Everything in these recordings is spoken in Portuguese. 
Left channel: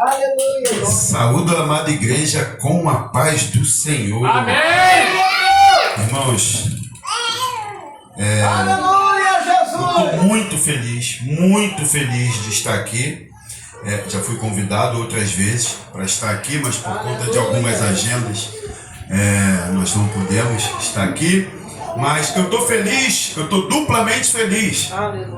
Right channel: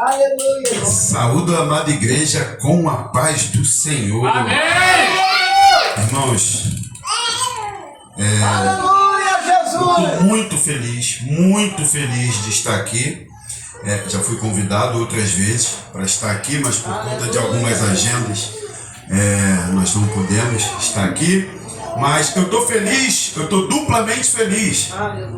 Aleluia. Saúdo a amada igreja com a paz do Senhor. Amém. Irmãos, Aleluia, eu Jesus. estou muito feliz de estar aqui. Já fui convidado outras vezes para estar aqui, mas por conta de algumas agendas nós não pudemos estar aqui. Mas eu estou feliz, eu estou duplamente feliz.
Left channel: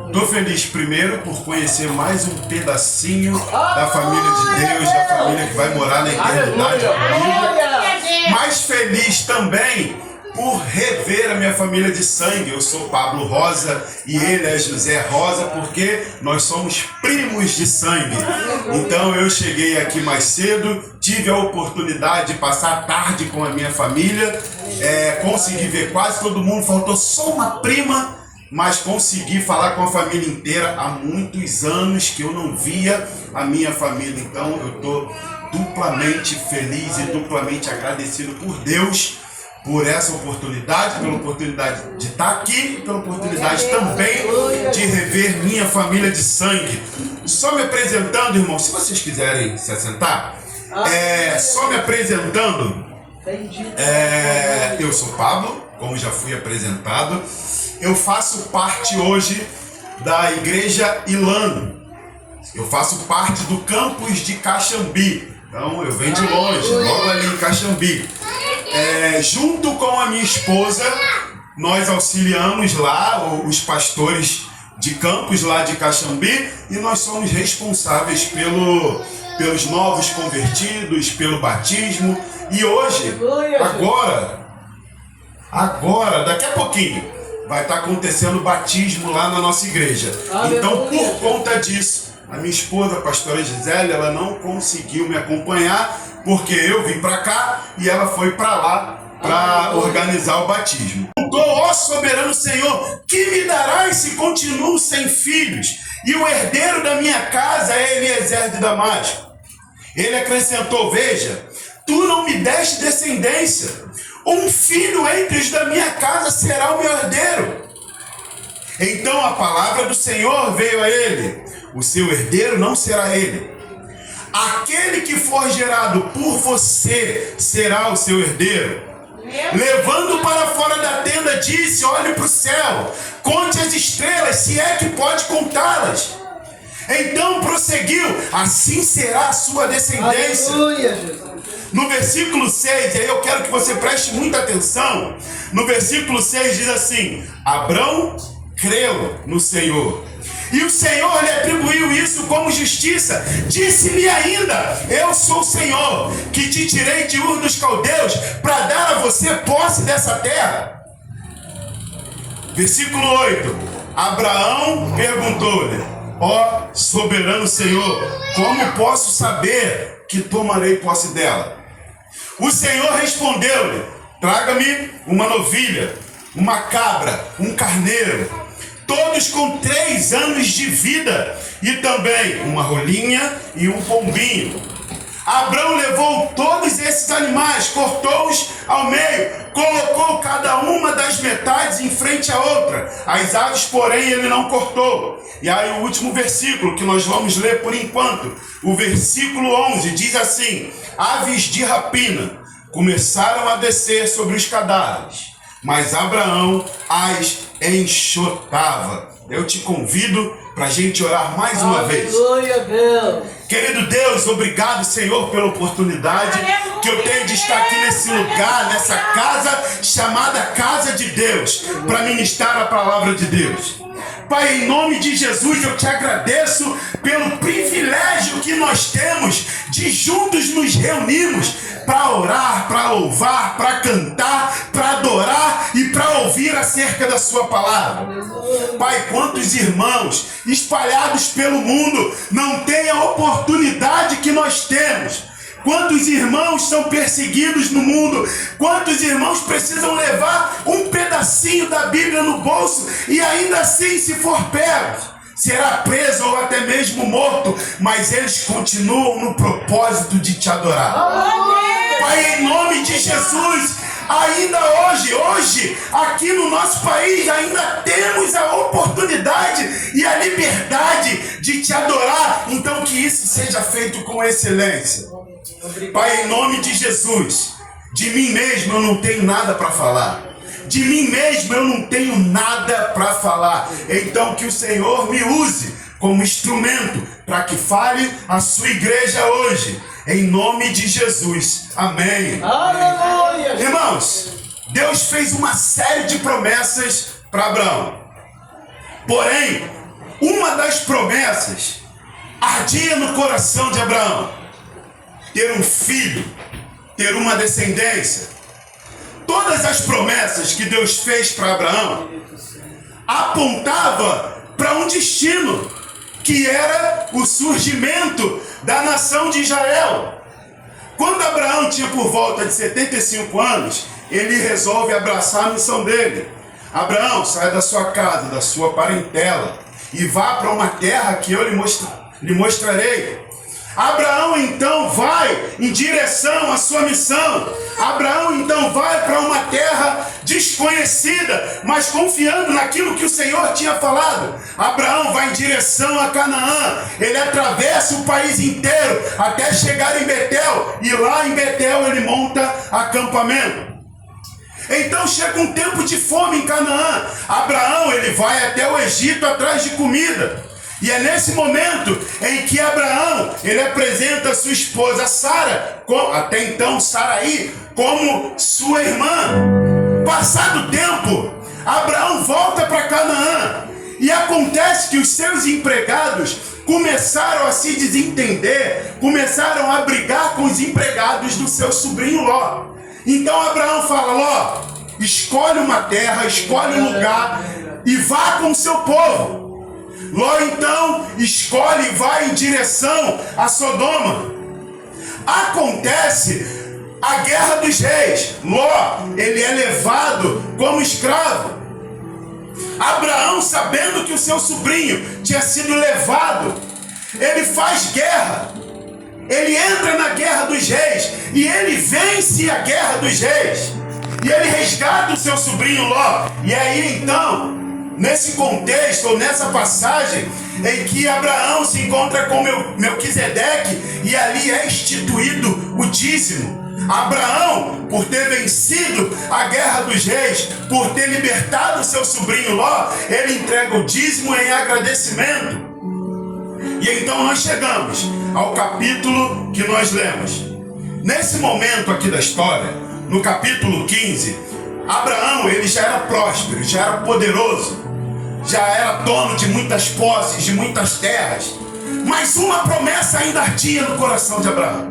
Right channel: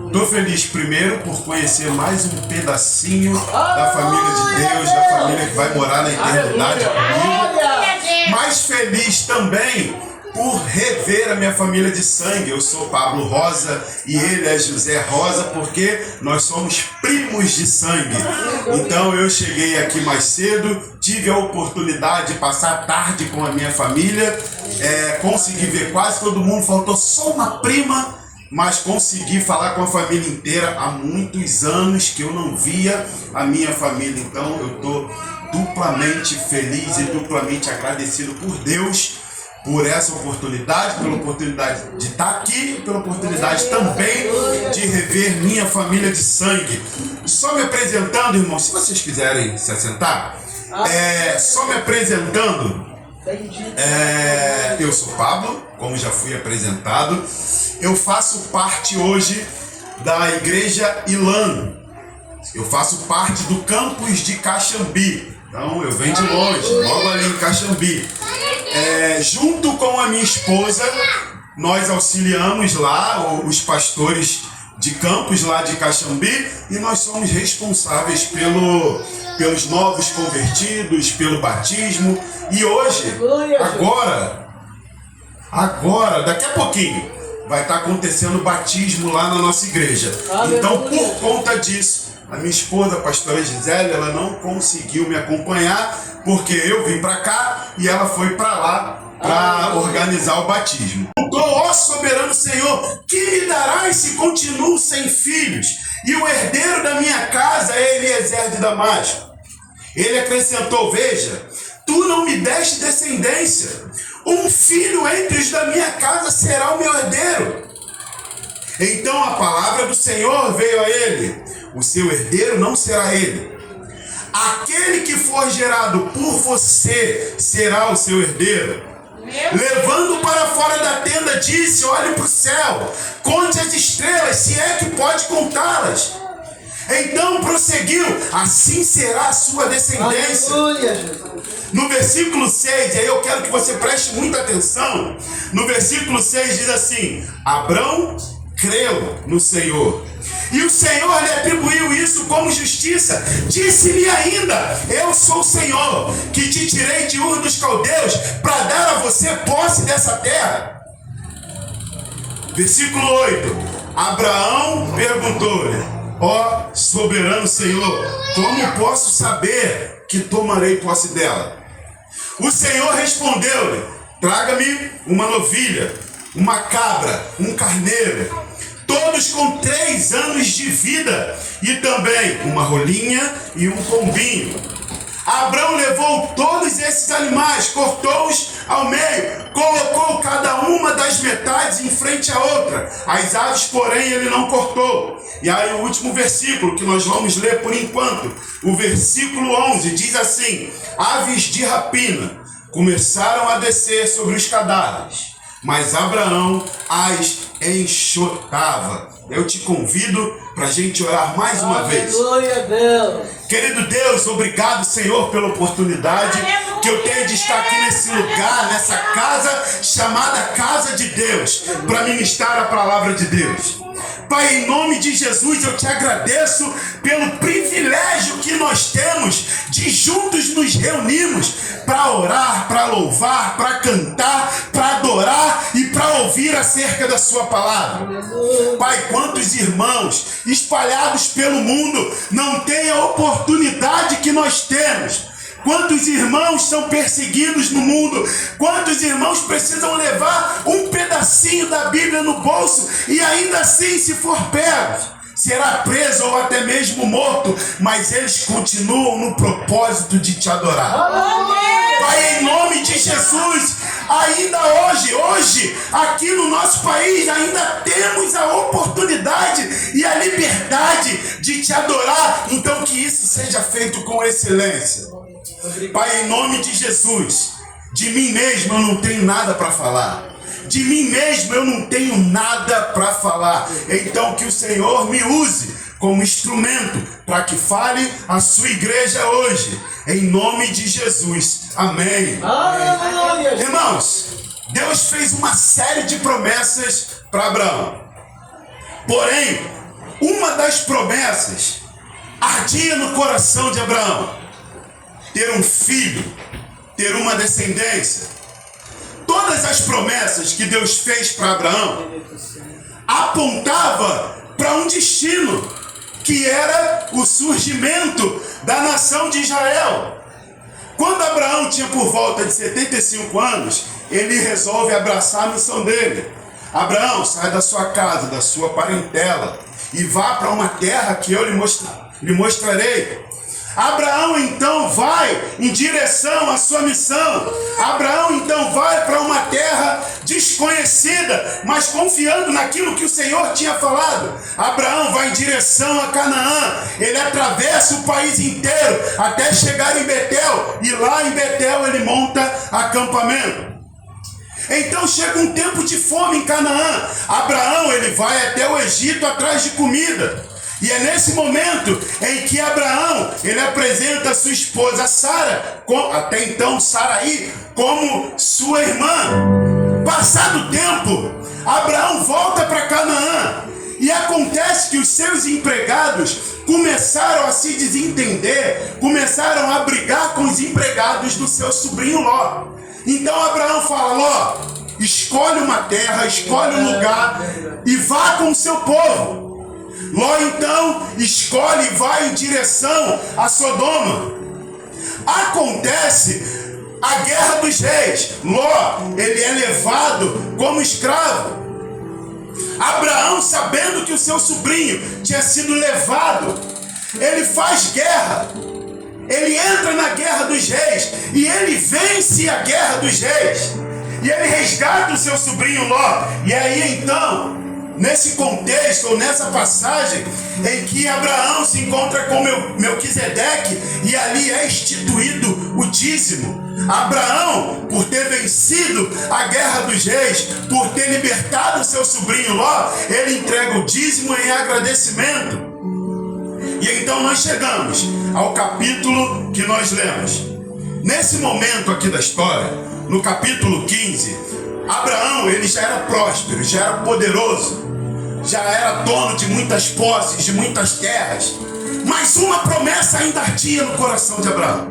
Estou feliz primeiro por conhecer mais um pedacinho da família de Deus, da família que vai morar na eternidade comigo. Mais feliz também por rever a minha família de sangue. Eu sou Pablo Rosa e ele é José Rosa, porque nós somos primos de sangue. Então eu cheguei aqui mais cedo, tive a oportunidade de passar a tarde com a minha família, consegui ver quase todo mundo, faltou só uma prima, mas consegui falar com a família inteira. Há muitos anos que eu não via a minha família, então eu estou duplamente feliz e duplamente agradecido por Deus, por essa oportunidade, pela oportunidade de estar aqui e pela oportunidade também de rever minha família de sangue. Só me apresentando, irmãos, se vocês quiserem se assentar, só me apresentando, eu sou Pablo, como já fui apresentado. Eu faço parte hoje da Igreja Ilan. Eu faço parte do campus de Caxambi. Então eu venho de longe, logo ali em Caxambi. Junto com a minha esposa, nós auxiliamos lá os pastores de campus lá de Caxambi e nós somos responsáveis pelos novos convertidos, pelo batismo. E hoje, agora, daqui a pouquinho, vai estar acontecendo o batismo lá na nossa igreja. Então, por conta disso, a minha esposa, a pastora Gisele, ela não conseguiu me acompanhar, porque eu vim para cá e ela foi para lá para organizar o batismo. Ó soberano Senhor, que me darás se continuo sem filhos? E o herdeiro da minha casa é Eliezer de Damasco. Ele acrescentou: veja, tu não me deste descendência. Um filho entre os da minha casa será o meu herdeiro. Então a palavra do Senhor veio a ele: o seu herdeiro não será ele. Aquele que for gerado por você será o seu herdeiro. Levando para fora da tenda, disse: olhe para o céu, conte as estrelas, se é que pode contá-las. Então prosseguiu: assim será a sua descendência. No versículo 6, e aí eu quero que você preste muita atenção. No versículo 6 diz assim: Abrão creu no Senhor, e o Senhor lhe atribuiu isso como justiça. Disse-lhe ainda: eu sou o Senhor, que te tirei de Ur dos Caldeus, para dar a você posse dessa terra. Versículo 8: Abraão perguntou-lhe: ó soberano Senhor, como posso saber que tomarei posse dela? O Senhor respondeu-lhe: traga-me uma novilha, uma cabra, um carneiro, todos com 3 anos de vida, e também uma rolinha e um pombinho. Abrão levou todos esses animais, cortou-os ao meio, colocou cada uma das metades em frente à outra. As aves, porém, ele não cortou. E aí o último versículo que nós vamos ler por enquanto, o versículo 11, diz assim: aves de rapina começaram a descer sobre os cadáveres, mas Abraão as enxotava. Eu te convido para a gente orar mais uma vez. Querido Deus, obrigado, Senhor, pela oportunidade que eu tenho de estar aqui nesse lugar, nessa casa chamada Casa de Deus, para ministrar a palavra de Deus. Pai, em nome de Jesus, eu te agradeço pelo privilégio que nós temos de juntos nos reunirmos para orar, para louvar, para cantar, para adorar e para ouvir acerca da sua palavra. Pai, quantos irmãos espalhados pelo mundo não têm a oportunidade que nós temos? Quantos irmãos são perseguidos no mundo? Quantos irmãos precisam levar um pedacinho da Bíblia no bolso e ainda assim, se for pego, será preso ou até mesmo morto, mas eles continuam no propósito de te adorar. Pai, em nome de Jesus, Ainda hoje, aqui no nosso país, ainda temos a oportunidade e a liberdade de te adorar. Então que isso seja feito com excelência. Pai, em nome de Jesus, de mim mesmo eu não tenho nada para falar. De mim mesmo eu não tenho nada para falar. Então que o Senhor me use como instrumento para que fale a sua igreja hoje. Em nome de Jesus. Amém. Aleluia. Irmãos, Deus fez uma série de promessas para Abraão. Porém, uma das promessas ardia no coração de Abraão: ter um filho, ter uma descendência. Todas as promessas que Deus fez para Abraão apontavam para um destino, que era o surgimento da nação de Israel. Quando Abraão tinha por volta de 75 anos, ele resolve abraçar a missão dele. Abraão, sai da sua casa, da sua parentela, e vá para uma terra que eu lhe mostrarei. Abraão então vai em direção à sua missão. Abraão então vai para uma terra desconhecida, mas confiando naquilo que o Senhor tinha falado. Abraão vai em direção a Canaã. Ele atravessa o país inteiro até chegar em Betel, e lá em Betel ele monta acampamento. Então chega um tempo de fome em Canaã. Abraão ele vai até o Egito atrás de comida. E é nesse momento em que Abraão ele apresenta a sua esposa Sara, até então Saraí, como sua irmã. Passado o tempo, Abraão volta para Canaã, e acontece que os seus empregados começaram a se desentender, começaram a brigar com os empregados do seu sobrinho Ló. Então Abraão fala: Ló, escolhe uma terra, escolhe um lugar e vá com o seu povo. Ló então escolhe e vai em direção a Sodoma. Acontece a guerra dos reis. Ló, ele é levado como escravo. Abraão, sabendo que o seu sobrinho tinha sido levado, ele faz guerra. Ele entra na guerra dos reis e ele vence a guerra dos reis. E ele resgata o seu sobrinho Ló. E aí então, nesse contexto, ou nessa passagem, em que Abraão se encontra com Melquisedeque, e ali é instituído o dízimo. Abraão, por ter vencido a guerra dos reis, por ter libertado o seu sobrinho Ló, ele entrega o dízimo em agradecimento. E então nós chegamos ao capítulo que nós lemos. Nesse momento aqui da história, no capítulo 15, Abraão ele já era próspero, já era poderoso, já era dono de muitas posses, de muitas terras. Mas uma promessa ainda ardia no coração de Abraão.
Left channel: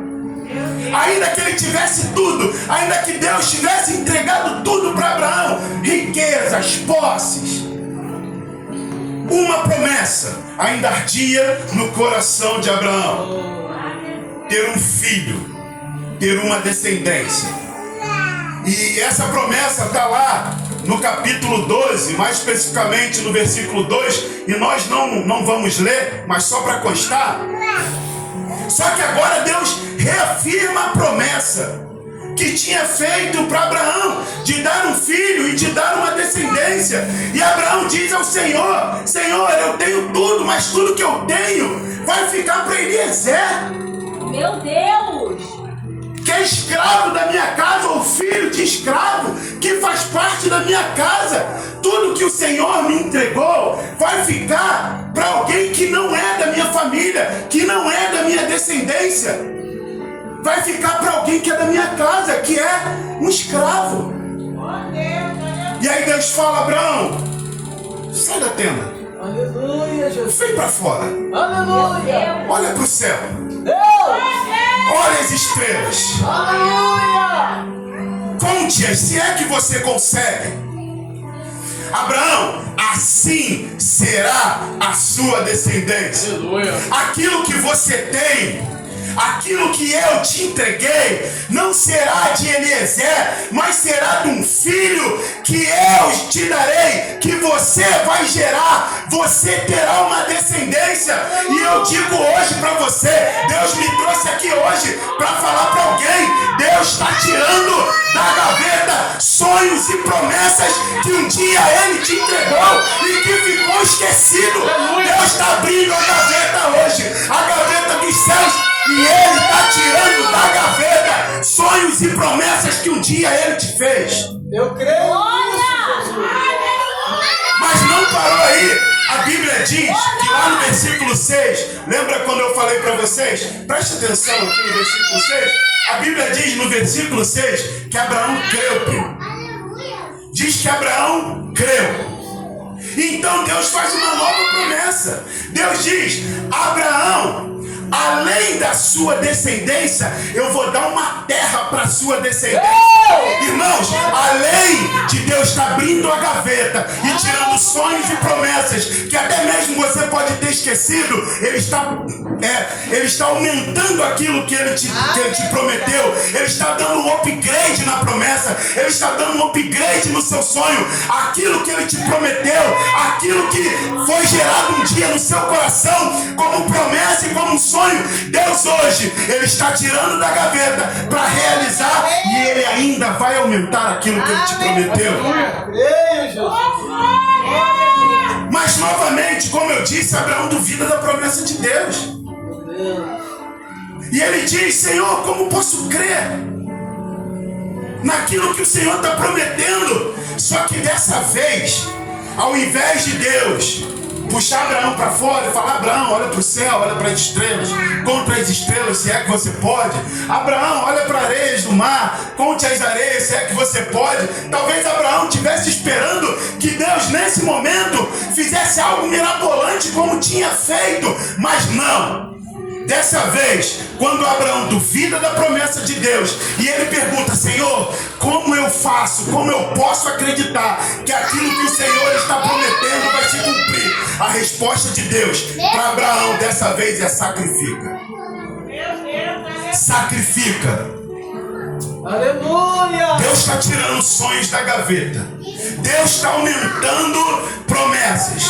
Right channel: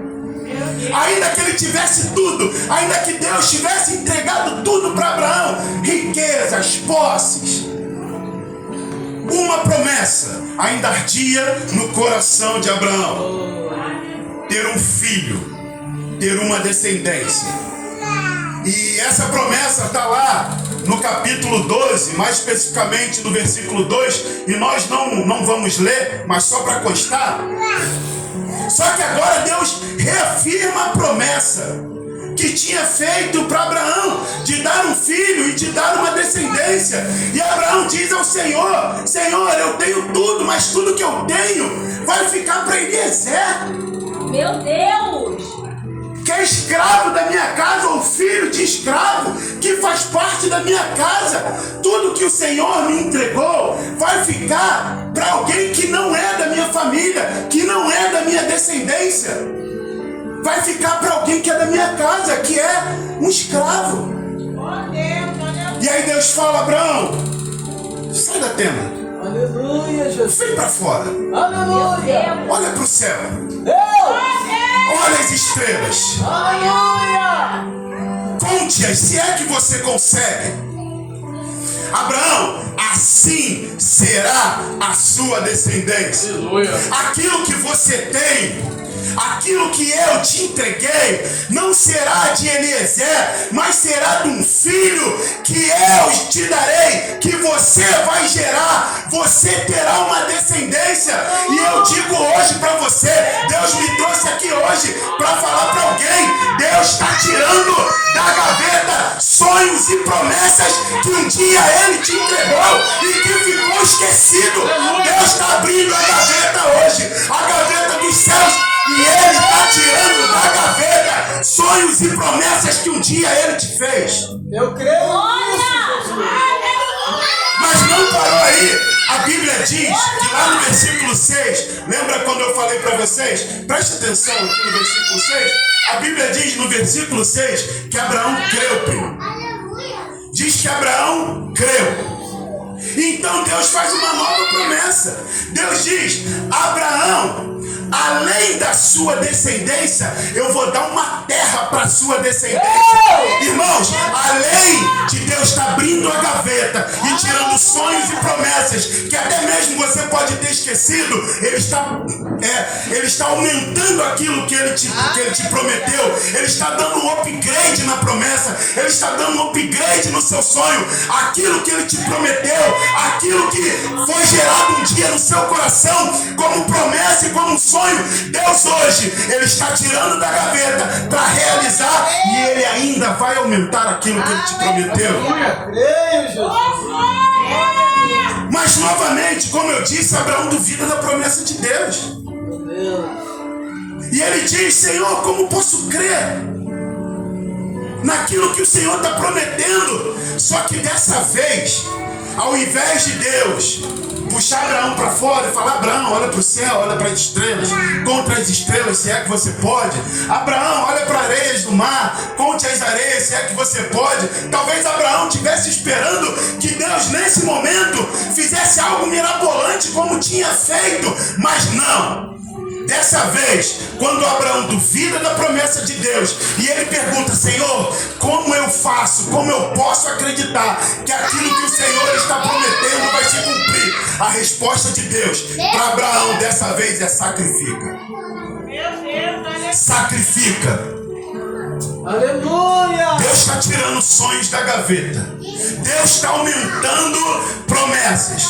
Ainda que ele tivesse tudo, ainda que Deus tivesse entregado tudo para Abraão, riquezas, posses, uma promessa ainda ardia no coração de Abraão: ter um filho, ter uma descendência. E essa promessa está lá no capítulo 12, mais especificamente no versículo 2, e nós não vamos ler, mas só para constar. Só que agora Deus reafirma a promessa que tinha feito para Abraão, de dar um filho e de dar uma descendência. E Abraão diz ao Senhor: Senhor, eu tenho tudo, mas tudo que eu tenho vai ficar para Eliezer. Meu Deus! Que é escravo da minha casa, ou filho de escravo, que faz parte da minha casa. Tudo que o Senhor me entregou vai ficar para alguém que não é da minha família, que não é da minha descendência. Vai ficar para alguém que é da minha casa, que é um escravo. E aí Deus fala: Abraão, sai da tenda. Aleluia, Jesus. Vem para fora. Aleluia. Olha para o céu. Deus. Olha as estrelas. Aleluia. Conte-as, se é que você consegue. Abraão, assim será a sua descendência. Aleluia. Aquilo que você tem, aquilo que eu te entreguei, não será de Eliezer, mas será de um filho que eu te darei, que você vai gerar. Você terá uma descendência. E eu digo hoje para você, Deus me trouxe aqui hoje para falar para alguém: Deus está tirando da gaveta sonhos e promessas que um dia ele te entregou e que ficou esquecido. Deus está abrindo a gaveta hoje, a gaveta dos céus, e ele está tirando da gaveta sonhos e promessas que um dia ele te fez. Eu creio nisso, Jesus. Mas não parou aí. A Bíblia diz que lá no versículo 6, lembra quando eu falei para vocês? Preste atenção aqui no versículo 6. A Bíblia diz no versículo 6 que Abraão creu, primo. Diz que Abraão creu. Então Deus faz uma nova promessa. Deus diz: Abraão, além da sua descendência, eu vou dar uma terra para a sua descendência. Irmãos, além de Deus estar abrindo a gaveta e tirando sonhos e promessas que até mesmo você pode ter esquecido, Ele está aumentando aquilo que Ele te prometeu. Ele está dando um upgrade na promessa. Ele está dando um upgrade no seu sonho. Aquilo que Ele te prometeu, aquilo que foi gerado um dia no seu coração como promessa e como um sonho, Deus hoje, Ele está tirando da gaveta para realizar, e Ele ainda vai aumentar aquilo que Ele te prometeu. Creio, Jesus. Mas novamente, como eu disse, Abraão duvida da promessa de Deus. E ele diz: Senhor, como posso crer naquilo que o Senhor está prometendo? Só que dessa vez, ao invés de Deus puxar Abraão para fora e falar: Abraão, olha para o céu, olha para as estrelas, conta as estrelas se é que você pode. Abraão, olha para areias do mar, conte as areias se é que você pode. Talvez Abraão estivesse esperando que Deus nesse momento fizesse algo mirabolante como tinha feito, mas não. Dessa vez, quando Abraão duvida da promessa de Deus e ele pergunta: Senhor, como eu faço, como eu posso acreditar que aquilo que o Senhor está prometendo vai se cumprir? A resposta de Deus para Abraão dessa vez é: sacrifica. Sacrifica. Aleluia. Deus está tirando sonhos da gaveta. Deus está aumentando promessas.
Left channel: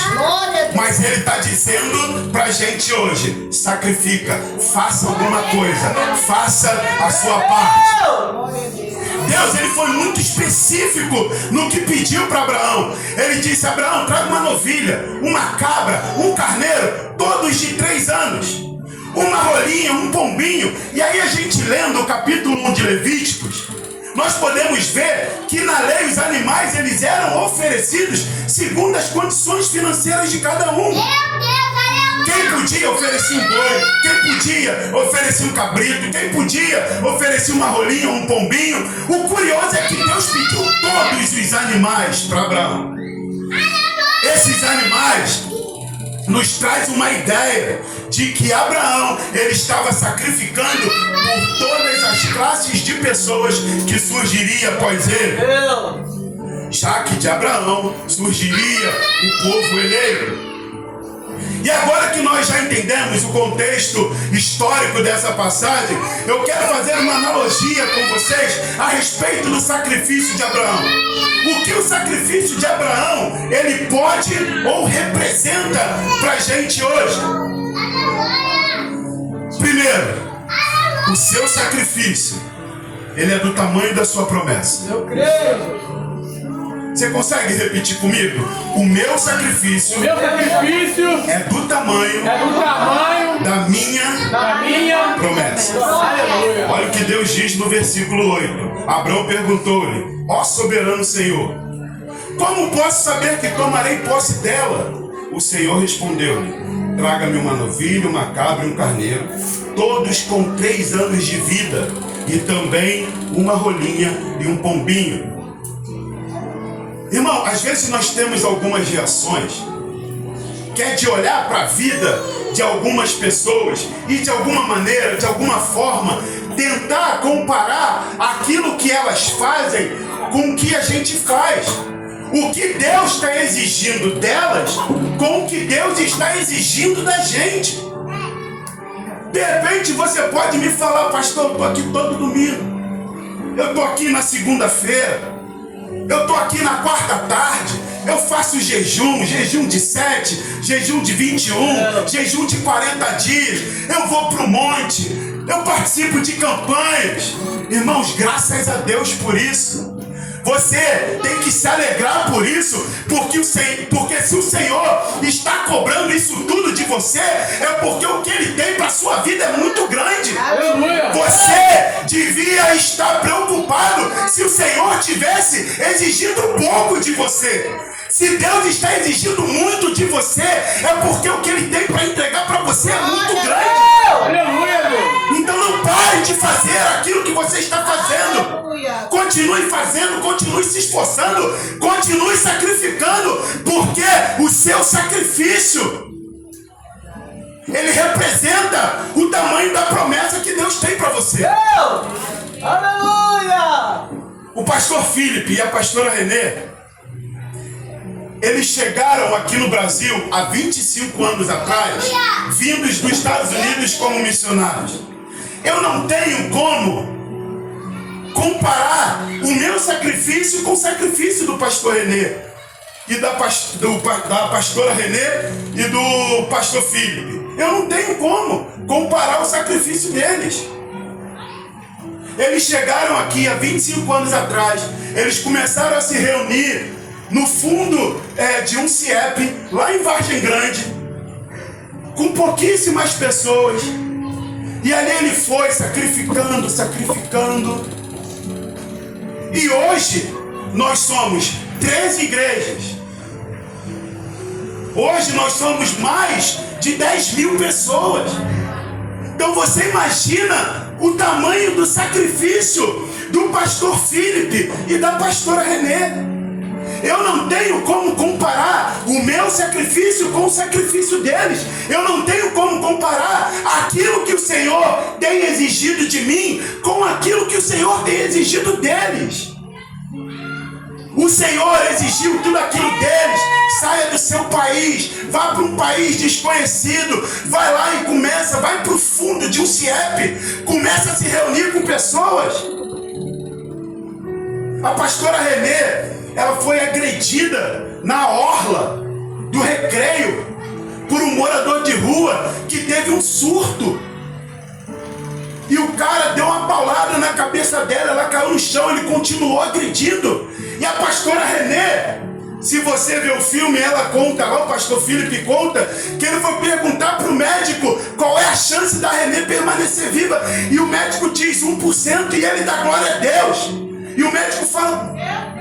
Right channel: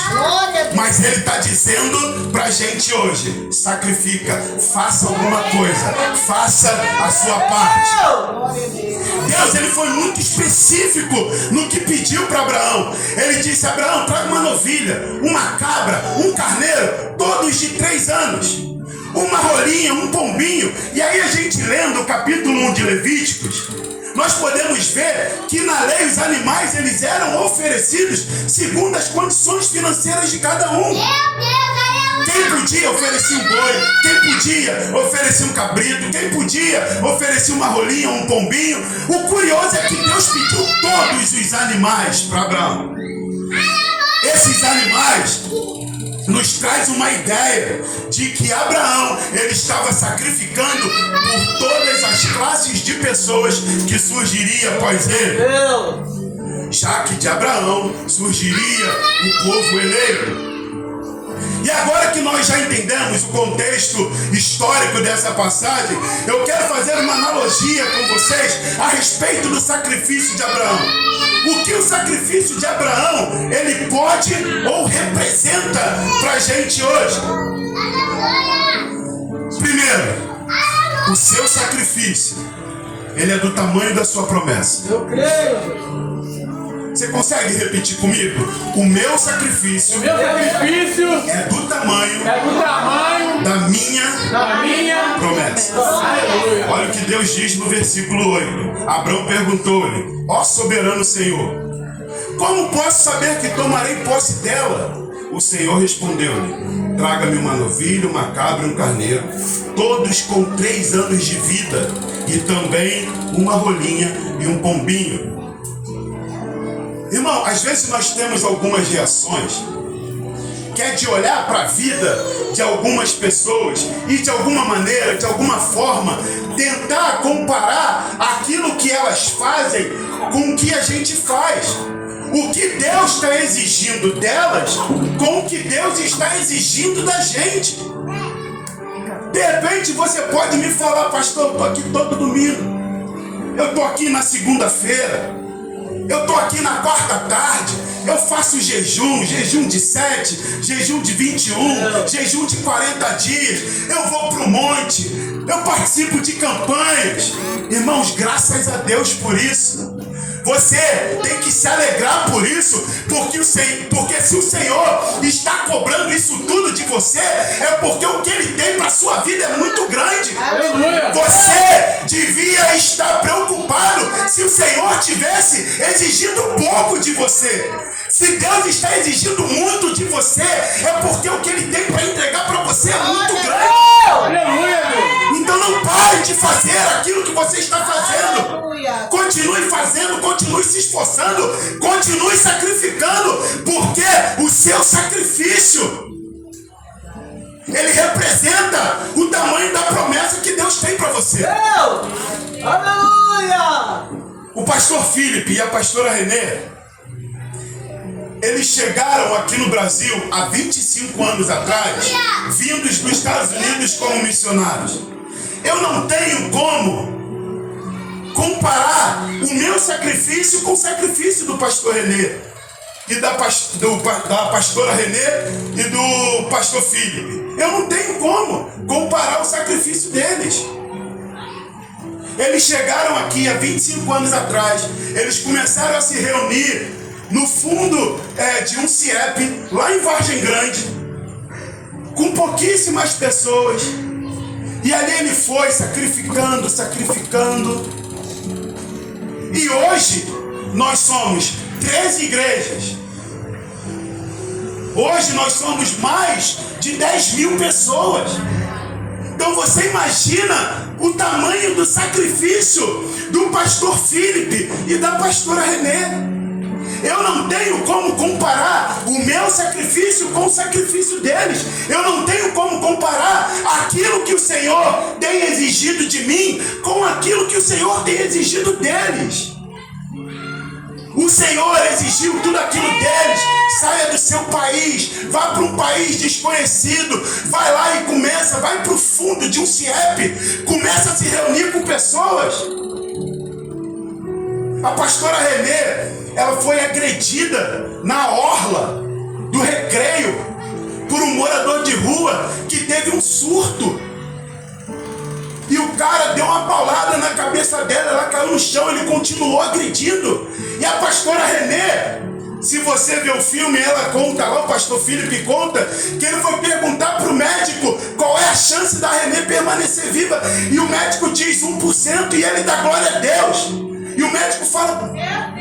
Mas Ele está dizendo para a gente hoje: sacrifica, faça alguma coisa, faça a sua parte. Deus, Ele foi muito específico no que pediu para Abraão. Ele disse: Abraão, traga uma novilha, uma cabra, um carneiro, todos de 3 anos. Uma rolinha, um pombinho. E aí a gente lendo o capítulo 1 de Levíticos, nós podemos ver que na lei os animais eles eram oferecidos segundo as condições financeiras de cada um. Quem podia oferecer um boi, quem podia oferecer um cabrito, quem podia oferecer uma rolinha, um pombinho. O curioso é que Deus pediu todos os animais para Abraão. Esses animais nos traz uma ideia de que Abraão, ele estava sacrificando por todas as classes de pessoas que surgiria após ele, já que de Abraão surgiria o povo eleito. E agora que nós já entendemos o contexto histórico dessa passagem, eu quero fazer uma analogia com vocês a respeito do sacrifício de Abraão. O que o sacrifício de Abraão, ele pode ou representa para a gente hoje? Primeiro, o seu sacrifício, ele é do tamanho da sua promessa. Eu creio. Você consegue repetir comigo? O meu sacrifício é do tamanho da minha promessa. Olha o que Deus diz no versículo 8. Abraão perguntou-lhe: ó soberano Senhor, como posso saber que tomarei posse dela? O Senhor respondeu-lhe: traga-me uma novilha, uma cabra e um carneiro, todos com 3 anos de vida, e também uma rolinha e um pombinho. Irmão, às vezes nós temos algumas reações que é de olhar para a vida de algumas pessoas e de alguma maneira, de alguma forma, tentar comparar aquilo que elas fazem com o que a gente faz. O que Deus está exigindo delas com o que Deus está exigindo da gente. De repente você pode me falar: pastor, eu estou aqui todo domingo, eu estou aqui na segunda-feira, eu estou aqui na quarta tarde, eu faço jejum de 7, jejum de 21, jejum de 40 dias, eu vou para o monte, eu participo de campanhas. Irmãos, graças a Deus por isso. Você tem que se alegrar por isso, porque se o Senhor está cobrando isso tudo de você, é porque o que Ele tem para a sua vida é muito grande. Você devia estar preocupado se o Senhor tivesse exigindo pouco de você. Se Deus está exigindo muito de você, é porque o que Ele tem para entregar para você é muito grande. Então não pare de fazer aquilo que você está fazendo. Continue fazendo, continue se esforçando, continue sacrificando, porque o seu sacrifício, ele representa o tamanho da promessa que Deus tem para você. Aleluia! O pastor Felipe e a pastora Renê, eles chegaram aqui no Brasil há 25 anos atrás, vindos dos Estados Unidos como missionários. Eu não tenho como comparar o meu sacrifício com o sacrifício do pastor Renê e da pastora Renê e do pastor Felipe. Eu não tenho como comparar o sacrifício deles. Eles chegaram aqui há 25 anos atrás. Eles começaram a se reunir no fundo de um CIEP, lá em Vargem Grande, com pouquíssimas pessoas. E ali ele foi sacrificando. E hoje nós somos 13 igrejas. Hoje nós somos mais de 10 mil pessoas. Então você imagina o tamanho do sacrifício do pastor Felipe e da pastora Renê. Eu não tenho como comparar o meu sacrifício com o sacrifício deles. Eu não tenho como comparar aquilo que o Senhor tem exigido de mim com aquilo que o Senhor tem exigido deles. O Senhor exigiu tudo aquilo deles. Saia do seu país, vá para um país desconhecido, vai lá e vai para o fundo de um CIEP, começa a se reunir com pessoas. A pastora Renê, ela foi agredida na orla do Recreio por um morador de rua que teve um surto. E o cara deu uma paulada na cabeça dela, ela caiu no chão, ele continuou agredindo. E a pastora Renê, se você ver o filme, ela conta lá, o pastor Felipe conta, que ele foi perguntar para o médico qual é a chance da Renê permanecer viva. E o médico diz 1% e ele dá glória a Deus. E o médico fala,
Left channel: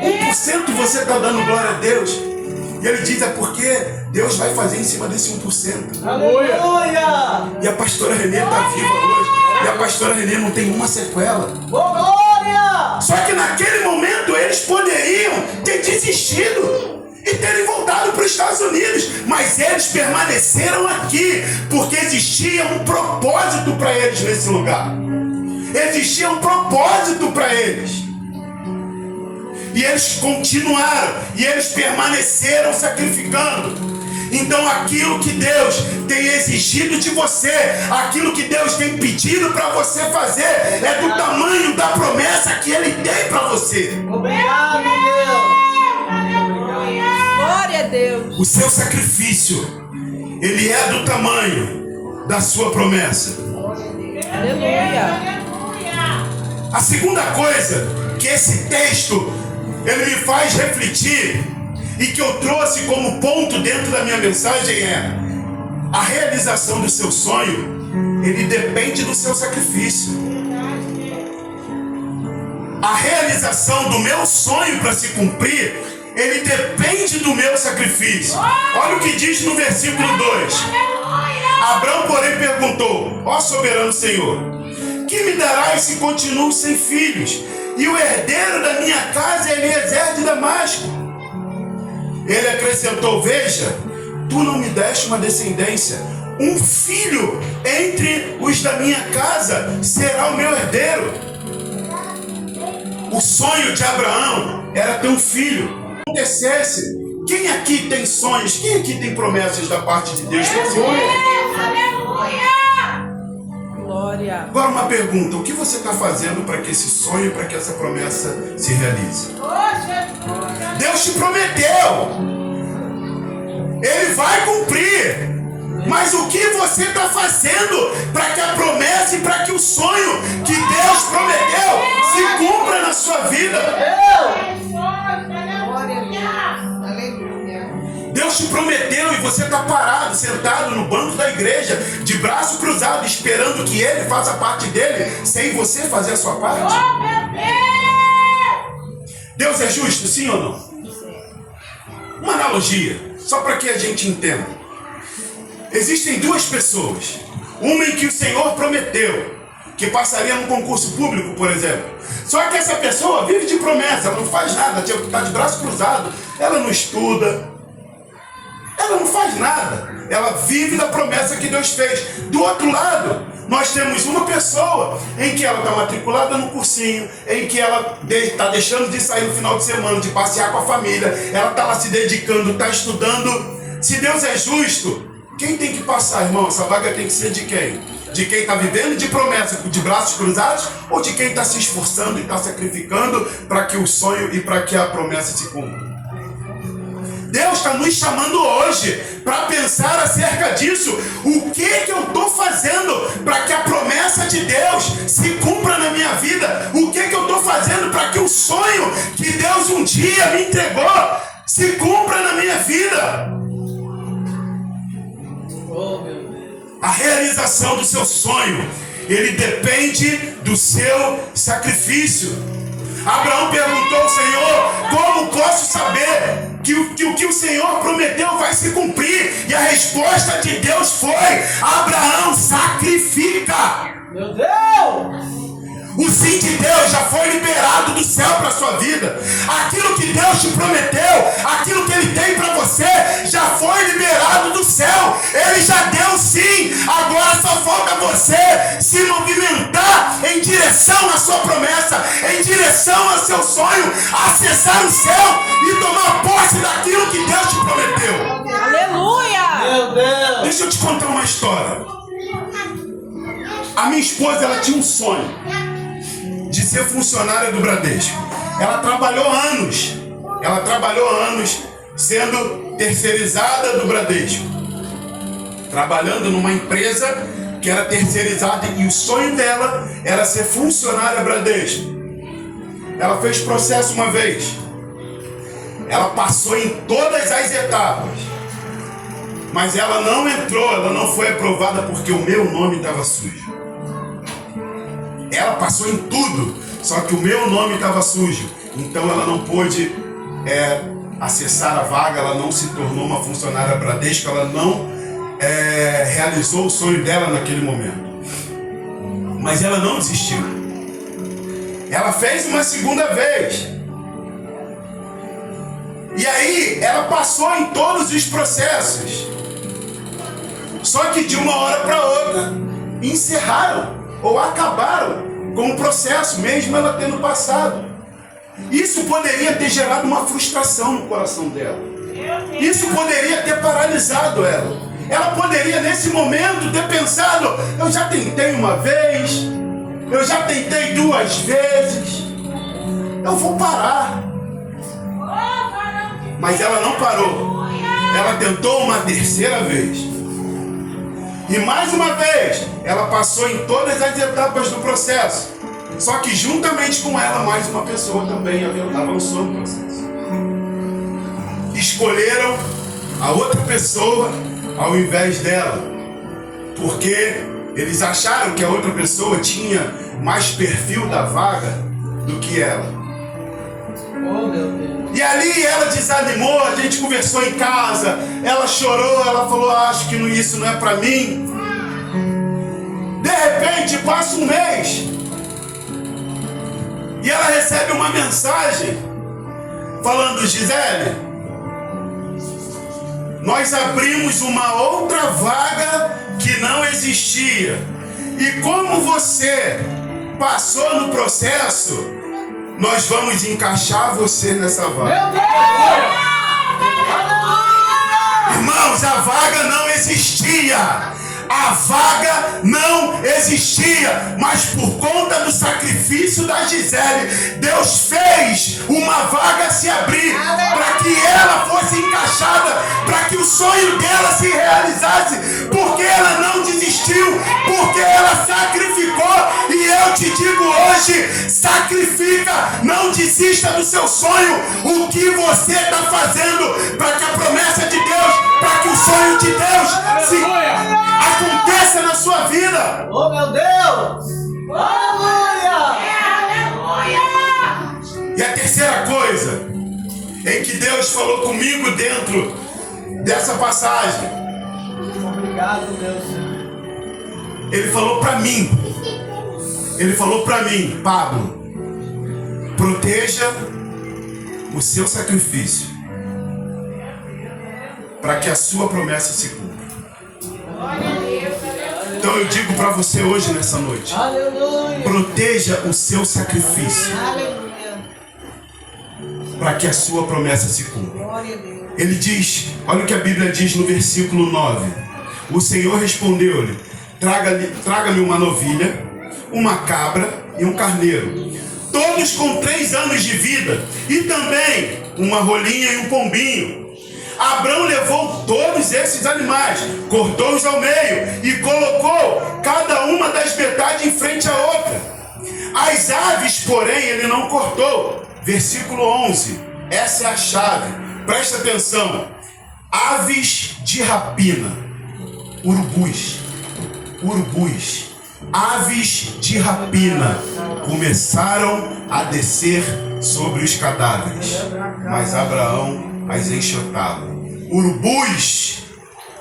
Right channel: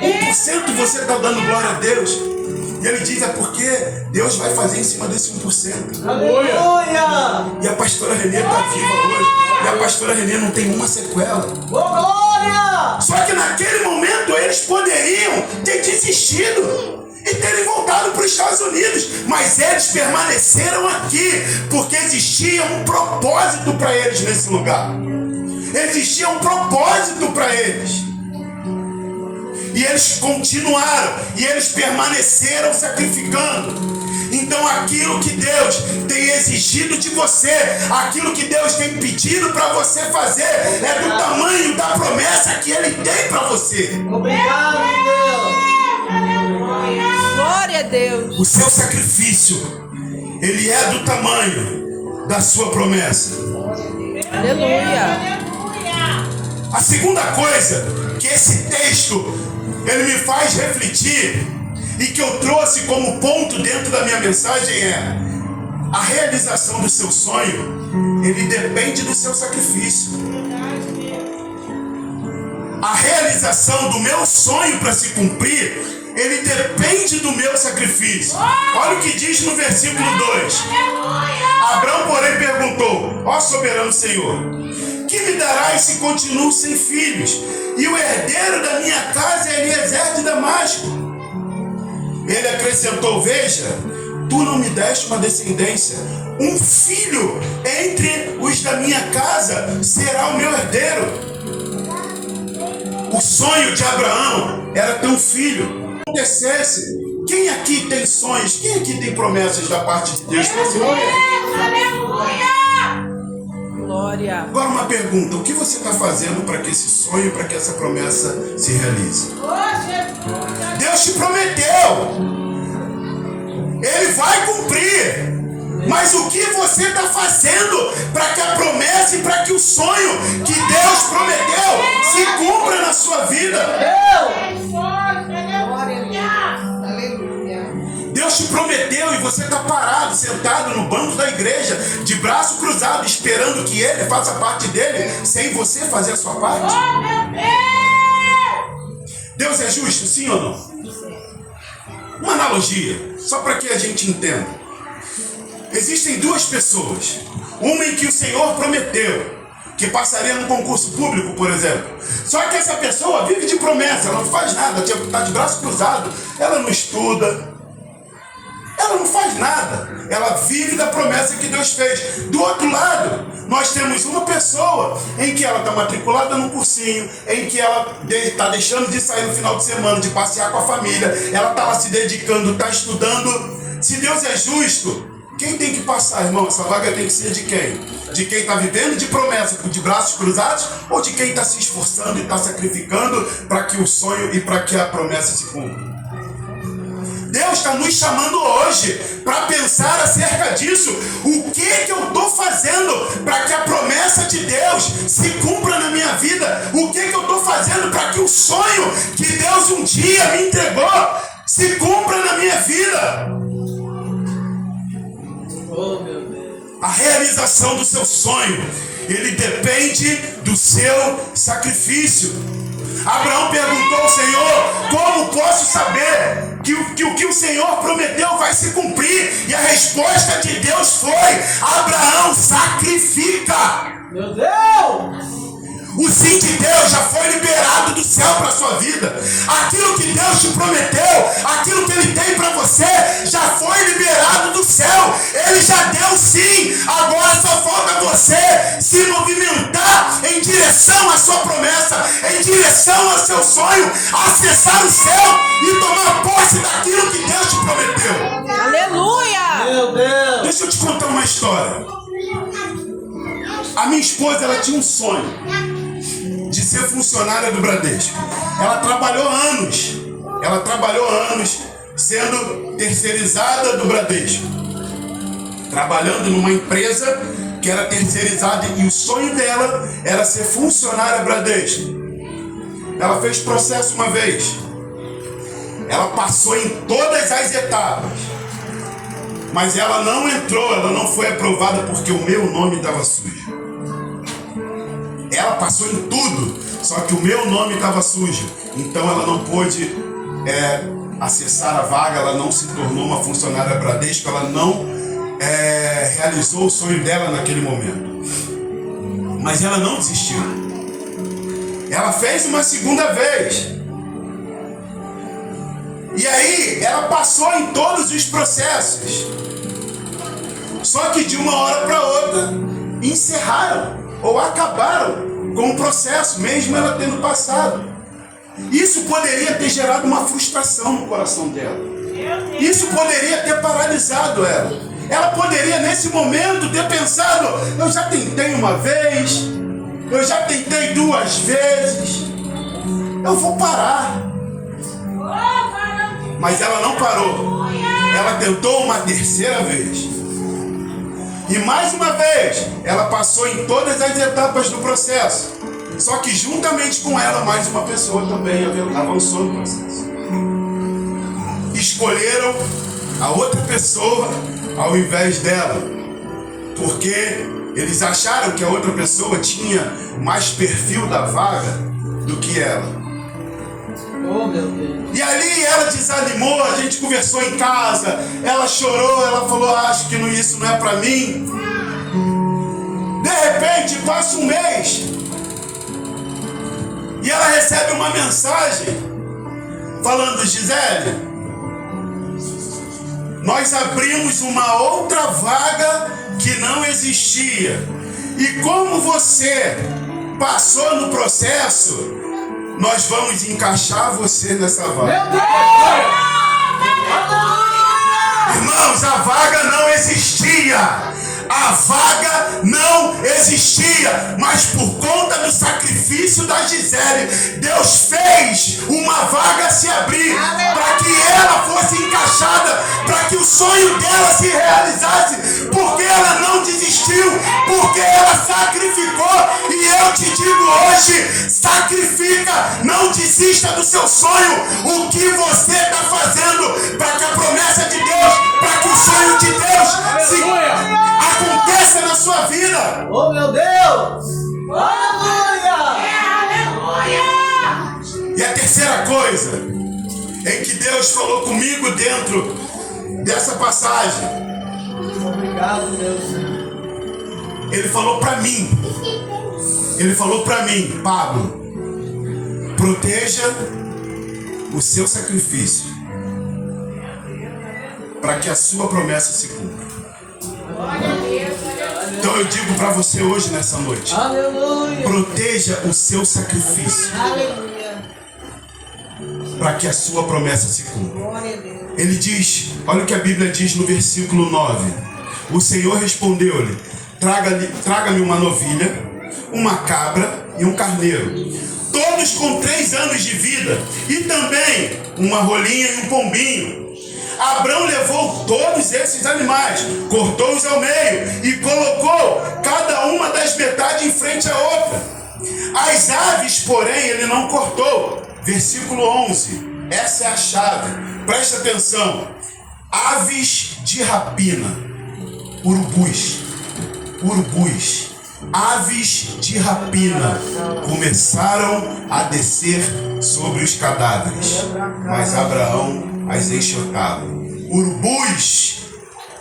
1% você está dando glória a Deus? E ele diz, é porque Deus vai fazer em cima desse 1%. Aleluia! E a pastora Renê está viva hoje. E a pastora Renê não tem uma sequela. Glória! Só que naquele momento eles poderiam ter desistido e terem voltado para os Estados Unidos. Mas eles permaneceram aqui, porque existia um propósito para eles nesse lugar. Existia um propósito para eles. E eles continuaram, e eles permaneceram sacrificando. Então aquilo que Deus tem exigido de você, aquilo que Deus tem pedido para você fazer, é do tamanho da promessa que Ele tem para você. Obrigado, Deus! Glória a Deus. O seu sacrifício, ele é do tamanho da sua promessa. Aleluia. A segunda coisa que esse texto ele me faz refletir e que eu trouxe como ponto dentro da minha mensagem é: a realização do seu sonho, ele depende do seu sacrifício. A realização do meu sonho para se cumprir, ele depende do meu sacrifício. Olha o que diz no versículo 2. Abraão, porém, perguntou: ó soberano Senhor, que me darás se continuo sem filhos? E o herdeiro da minha casa é Eliezer de Damasco. Ele acrescentou: veja, tu não me deste uma descendência. Um filho entre os da minha casa será o meu herdeiro. O sonho de Abraão era ter um filho. Se acontecesse, quem aqui tem sonhos? Quem aqui tem promessas da parte de Deus para si? Glória. Agora uma pergunta: o que você está fazendo para que esse sonho, para que essa promessa se realize? Deus te prometeu, Ele vai cumprir. Mas o que você está fazendo para que a promessa e para que o sonho que Deus prometeu se cumpra na sua vida? Deus te prometeu e você está parado, sentado no banco da igreja, de braço cruzado, esperando que Ele faça parte dele, sem você fazer a sua parte? Deus é justo, sim ou não? Uma analogia, só para que a gente entenda. Existem duas pessoas. Uma em que o Senhor prometeu que passaria num concurso público, por exemplo. Só que essa pessoa vive de promessa, ela não faz nada, está de braço cruzado, ela não estuda, ela não faz nada, ela vive da promessa que Deus fez. Do outro lado, nós temos uma pessoa em que ela está matriculada no cursinho, em que ela está deixando de sair no final de semana, de passear com a família, ela está lá se dedicando, está estudando. Se Deus é justo, quem tem que passar, irmão? Essa vaga tem que ser de quem? De quem está vivendo de promessa, de braços cruzados, ou de quem está se esforçando e está sacrificando para que o sonho e para que a promessa se cumpra? Deus está nos chamando hoje para pensar acerca disso. O que eu estou fazendo para que a promessa de Deus se cumpra na minha vida? O que eu estou fazendo para que o sonho que Deus um dia me entregou se cumpra na minha vida? A realização do seu sonho, ele depende do seu sacrifício. Abraão perguntou ao Senhor: como posso saber que o que o Senhor prometeu vai se cumprir? E a resposta de Deus foi: Abraão, sacrifica. Meu Deus! O sim de Deus já foi liberado do céu para a sua vida. Aquilo que Deus te prometeu, aquilo que Ele tem para você, já foi liberado do céu. Ele já deu sim. Agora só falta você se movimentar em direção à sua promessa, em direção ao seu sonho, acessar o céu e tomar posse daquilo que Deus te prometeu. Aleluia! Meu Deus! Deixa eu te contar uma história. A minha esposa, ela tinha um sonho de ser funcionária do Bradesco. Ela trabalhou anos sendo terceirizada do Bradesco, trabalhando numa empresa que era terceirizada, e o sonho dela era ser funcionária Bradesco. Ela fez processo uma vez, ela passou em todas as etapas, mas ela não entrou, ela não foi aprovada porque o meu nome estava sujo. Ela passou em tudo, só que o meu nome estava sujo. Então ela não pôde acessar a vaga, ela não se tornou uma funcionária Bradesco, ela não realizou o sonho dela naquele momento. Mas ela não desistiu. Ela fez uma segunda vez. E aí ela passou em todos os processos. Só que de uma hora para outra encerraram ou acabaram com o processo, mesmo ela tendo passado. Isso poderia ter gerado uma frustração no coração dela. Isso poderia ter paralisado ela. Ela poderia nesse momento ter pensado: eu já tentei uma vez, eu já tentei 2 vezes, eu vou parar. Mas ela não parou. Ela tentou uma terceira vez. E mais uma vez, ela passou em todas as etapas do processo. Só que juntamente com ela, mais uma pessoa também avançou no processo. Escolheram a outra pessoa ao invés dela, porque eles acharam que a outra pessoa tinha mais perfil da vaga do que ela. Oh, meu Deus! E ali ela desanimou, a gente conversou em casa, ela chorou, ela falou: acho que isso não é para mim. De repente passa um mês e ela recebe uma mensagem falando: Gisele, nós abrimos uma outra vaga que não existia, e como você passou no processo, nós vamos encaixar você nessa vaga. Meu Deus! Irmãos, a vaga não existia. A vaga não existia, mas por conta do sacrifício da Gisele, Deus fez uma vaga se abrir para que ela fosse encaixada, para que o sonho dela se realizasse, porque ela não desistiu, porque ela sacrificou. E eu te digo hoje, sacrifica, não desista do seu sonho. O que você está fazendo para que a promessa de Deus, para que o sonho de Deus se aconteça na sua vida. Oh, meu Deus! Aleluia! E a terceira coisa em que Deus falou comigo dentro dessa passagem, Obrigado, Deus. Ele falou para mim, Pablo, proteja o seu sacrifício para que a sua promessa se cumpra. Então eu digo para você hoje, nessa noite, Aleluia! proteja o seu sacrifício para que a sua promessa se cumpra. Ele diz, olha o que a Bíblia diz no versículo 9. O Senhor respondeu-lhe: traga-me uma novilha, uma cabra e um carneiro, todos com 3 anos de vida, e também uma rolinha e um pombinho. Abrão levou todos esses animais, cortou-os ao meio e colocou cada uma das metades em frente à outra. As aves, porém, ele não cortou. Versículo 11, essa é a chave, presta atenção. Aves de rapina, urubus, aves de rapina começaram a descer sobre os cadáveres, mas Abraão as enxotava. Urubus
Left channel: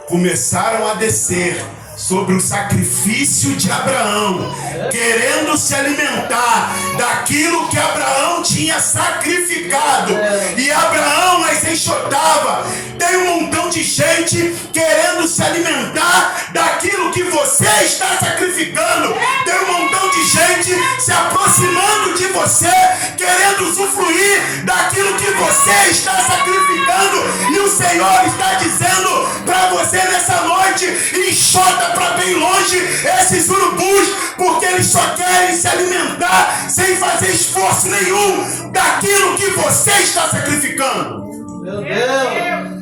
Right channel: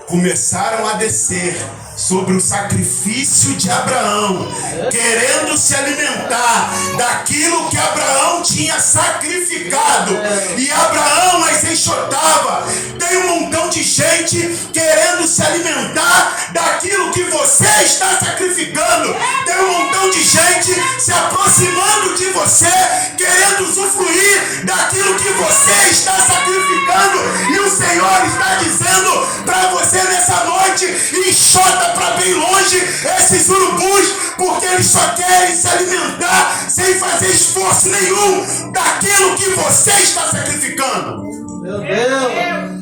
começaram a descer sobre o sacrifício de Abraão, querendo se alimentar daquilo que Abraão tinha sacrificado, e Abraão as enxotava. Tem um montão de gente querendo se alimentar daquilo que você está sacrificando. Tem um montão de gente se aproximando de você, querendo usufruir daquilo que você está sacrificando, e o Senhor está dizendo para você nessa noite: enxota para bem longe esses urubus, porque eles só querem se alimentar sem fazer esforço nenhum daquilo que você está sacrificando. Meu Deus!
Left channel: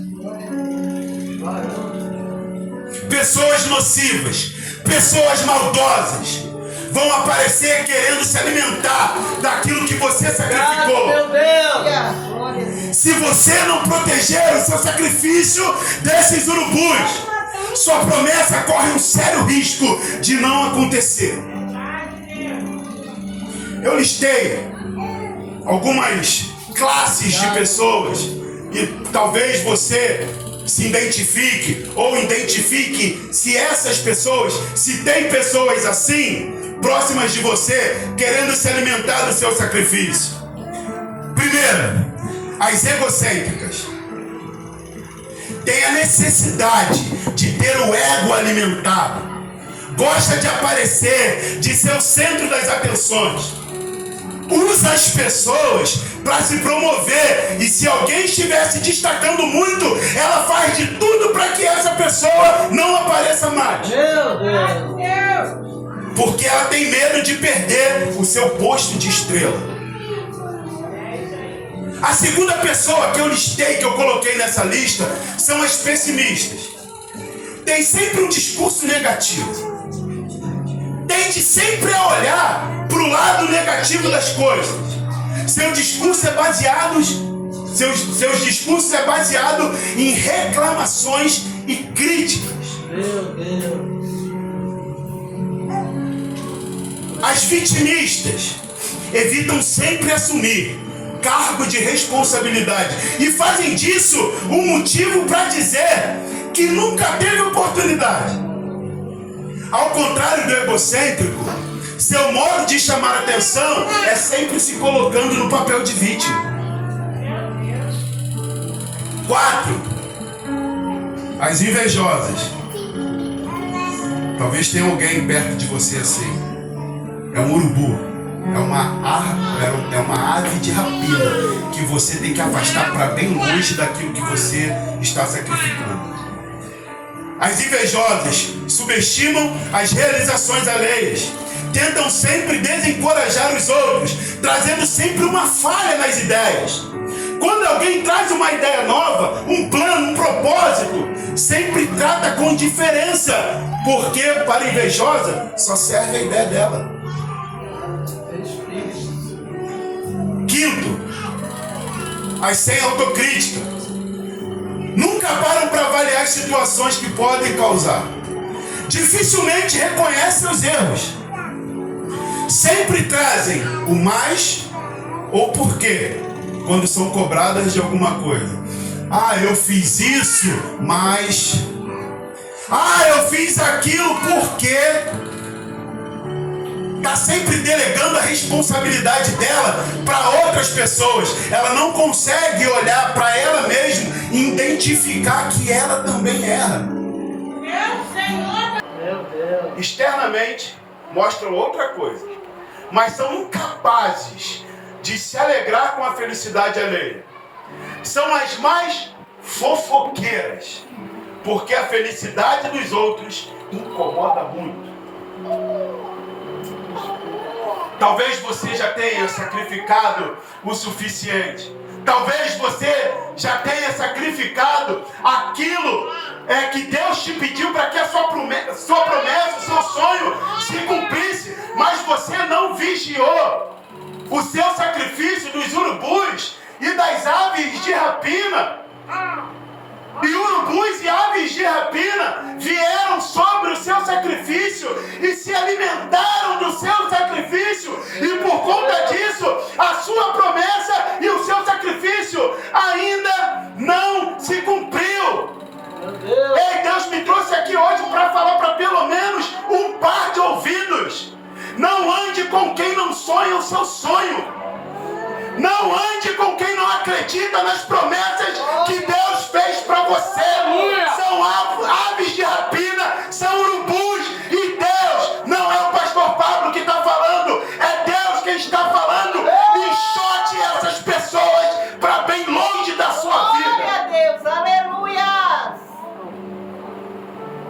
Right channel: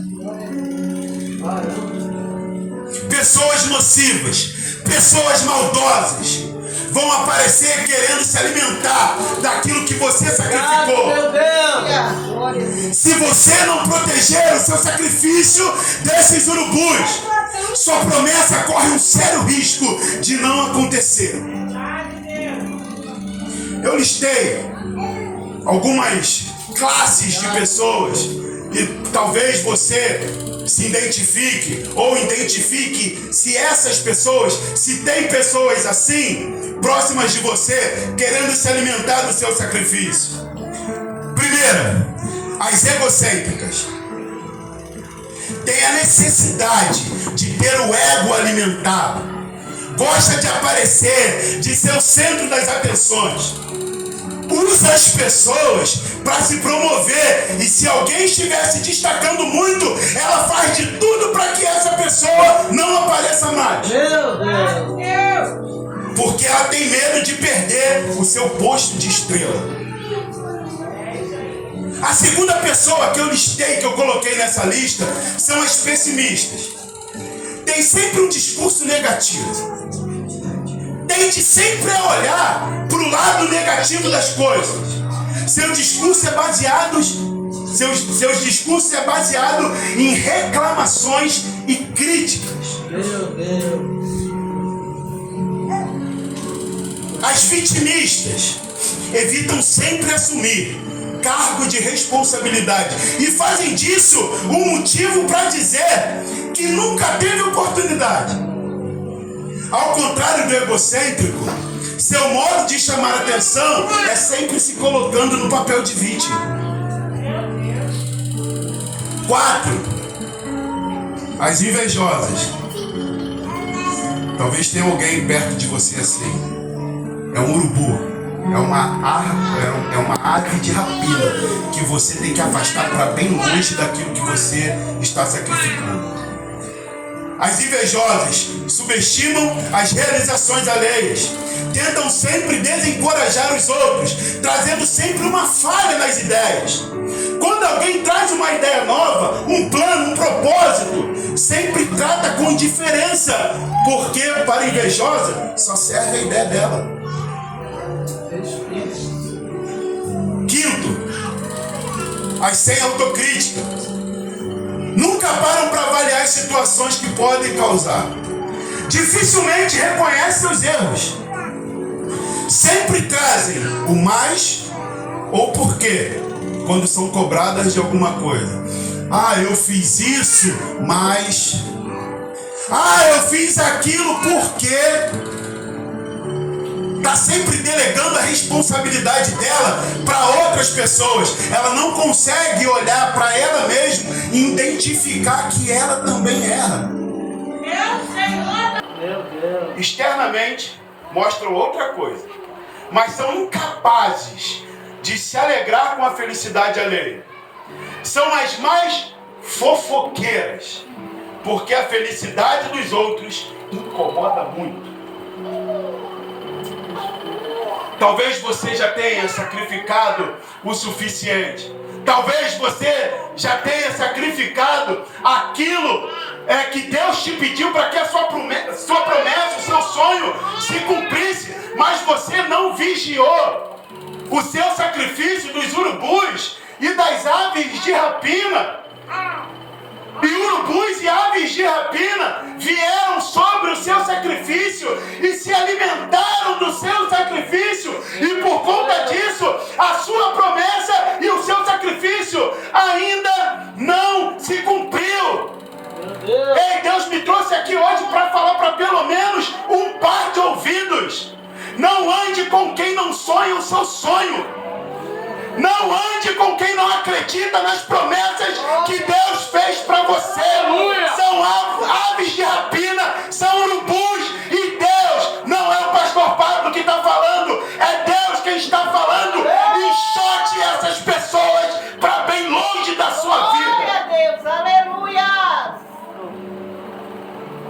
Pessoas nocivas, pessoas maldosas vão aparecer querendo se alimentar daquilo que você sacrificou. Meu Deus! Se você não proteger o seu sacrifício desses urubus, sua promessa corre um sério risco de não acontecer. Eu listei algumas classes de pessoas que talvez você se identifique, ou identifique se essas pessoas, se tem pessoas assim próximas de você querendo se alimentar do seu sacrifício. Primeira, as egocêntricas. Tem a necessidade de ter o ego alimentado, gosta de aparecer, de ser o centro das atenções, usa as pessoas para se promover, e se alguém estiver se destacando muito, ela faz de tudo para que essa pessoa não apareça mais. Meu Deus! Porque ela tem medo de perder o seu posto de estrela. A segunda pessoa que eu listei, que eu coloquei nessa lista, são as pessimistas. Tem sempre um discurso negativo. Tende sempre a olhar para o lado negativo das coisas. Seu discurso é baseado em reclamações e críticas. Meu Deus! As vitimistas evitam sempre assumir cargo de responsabilidade e fazem disso um motivo para dizer que nunca teve oportunidade. Ao contrário do egocêntrico, seu modo de chamar atenção é sempre se colocando no papel de vítima. 4. As invejosas. Talvez tenha alguém perto de você assim. É um urubu. É uma ave de rapina que você tem que afastar para bem longe daquilo que você está sacrificando. As invejosas subestimam as realizações alheias. Tentam sempre desencorajar os outros, trazendo sempre uma falha nas ideias. Quando alguém traz uma ideia nova, um plano, um propósito, sempre trata com indiferença, porque para a invejosa só serve a ideia dela. Quinto, as sem autocrítica. Nunca param para avaliar as situações que podem causar. Dificilmente reconhecem os erros. Sempre trazem o mais ou porquê quando são cobradas de alguma coisa. Ah, eu fiz isso, mas... Ah, eu fiz aquilo porque... Está sempre delegando a responsabilidade dela para outras pessoas. Ela não consegue olhar para ela mesma e identificar que ela também erra. Meu Deus. Externamente mostram outra coisa, mas são incapazes de se alegrar com a felicidade alheia. São as mais fofoqueiras, porque a felicidade dos outros incomoda muito. Talvez você já tenha sacrificado o suficiente. Talvez você já tenha sacrificado aquilo que Deus te pediu para que a sua promessa, o seu sonho se cumprisse. Mas você não vigiou o seu sacrifício dos urubus e das aves de rapina. E urubus e aves de rapina vieram sobre o seu sacrifício e se alimentaram do seu sacrifício. E por conta disso, a sua promessa e o seu sacrifício ainda não se cumpriu. Ei, Deus me trouxe aqui hoje para falar para pelo menos um par de ouvidos. Não ande com quem não sonha o seu sonho. Não ande com quem não acredita nas promessas que Deus fez para você. São aves de rapina, são urubus. E Deus não é o pastor Pablo que está falando, é Deus quem está falando. Enxote essas pessoas para bem longe da sua vida. Glória a Deus, aleluia.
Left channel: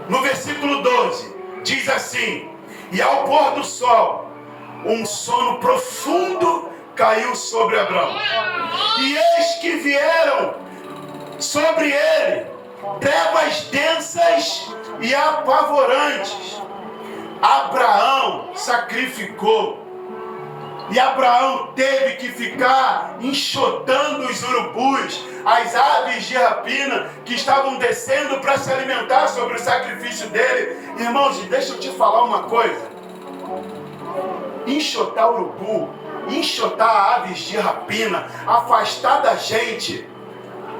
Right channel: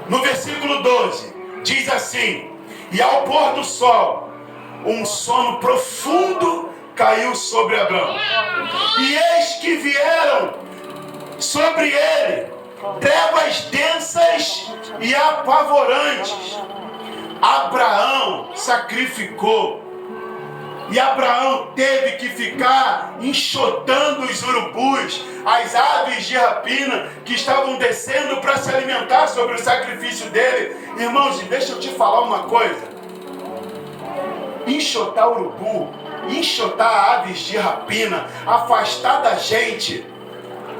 No versículo 12, diz assim: e ao pôr do sol, um sono profundo caiu sobre Abraão. E eis que vieram sobre ele trevas densas e apavorantes. Abraão sacrificou. E Abraão teve que ficar enxotando os urubus, as aves de rapina que estavam descendo para se alimentar sobre o sacrifício dele. Irmãos, deixa eu te falar uma coisa. Enxotar urubu, enxotar aves de rapina, afastar da gente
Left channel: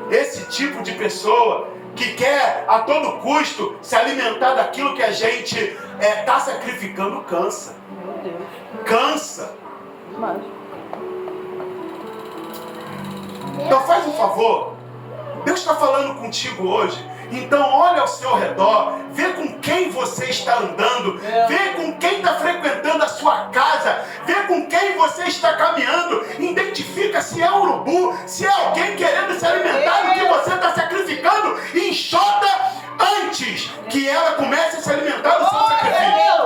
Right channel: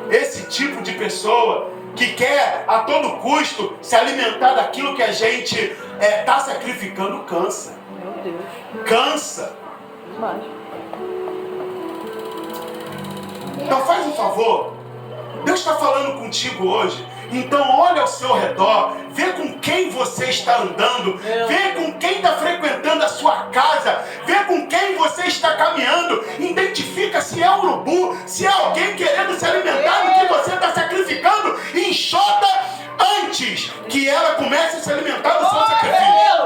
esse tipo de pessoa que quer a todo custo se alimentar daquilo que a gente está sacrificando, cansa. Cansa. Então faz um favor, Deus está falando contigo hoje. Então olha ao seu redor, vê com quem você está andando, vê com quem está frequentando a sua casa, vê com quem você está caminhando, identifica se é urubu, se é alguém querendo se alimentar do que você está sacrificando, e enxota antes que ela comece a se alimentar do seu sacrifício.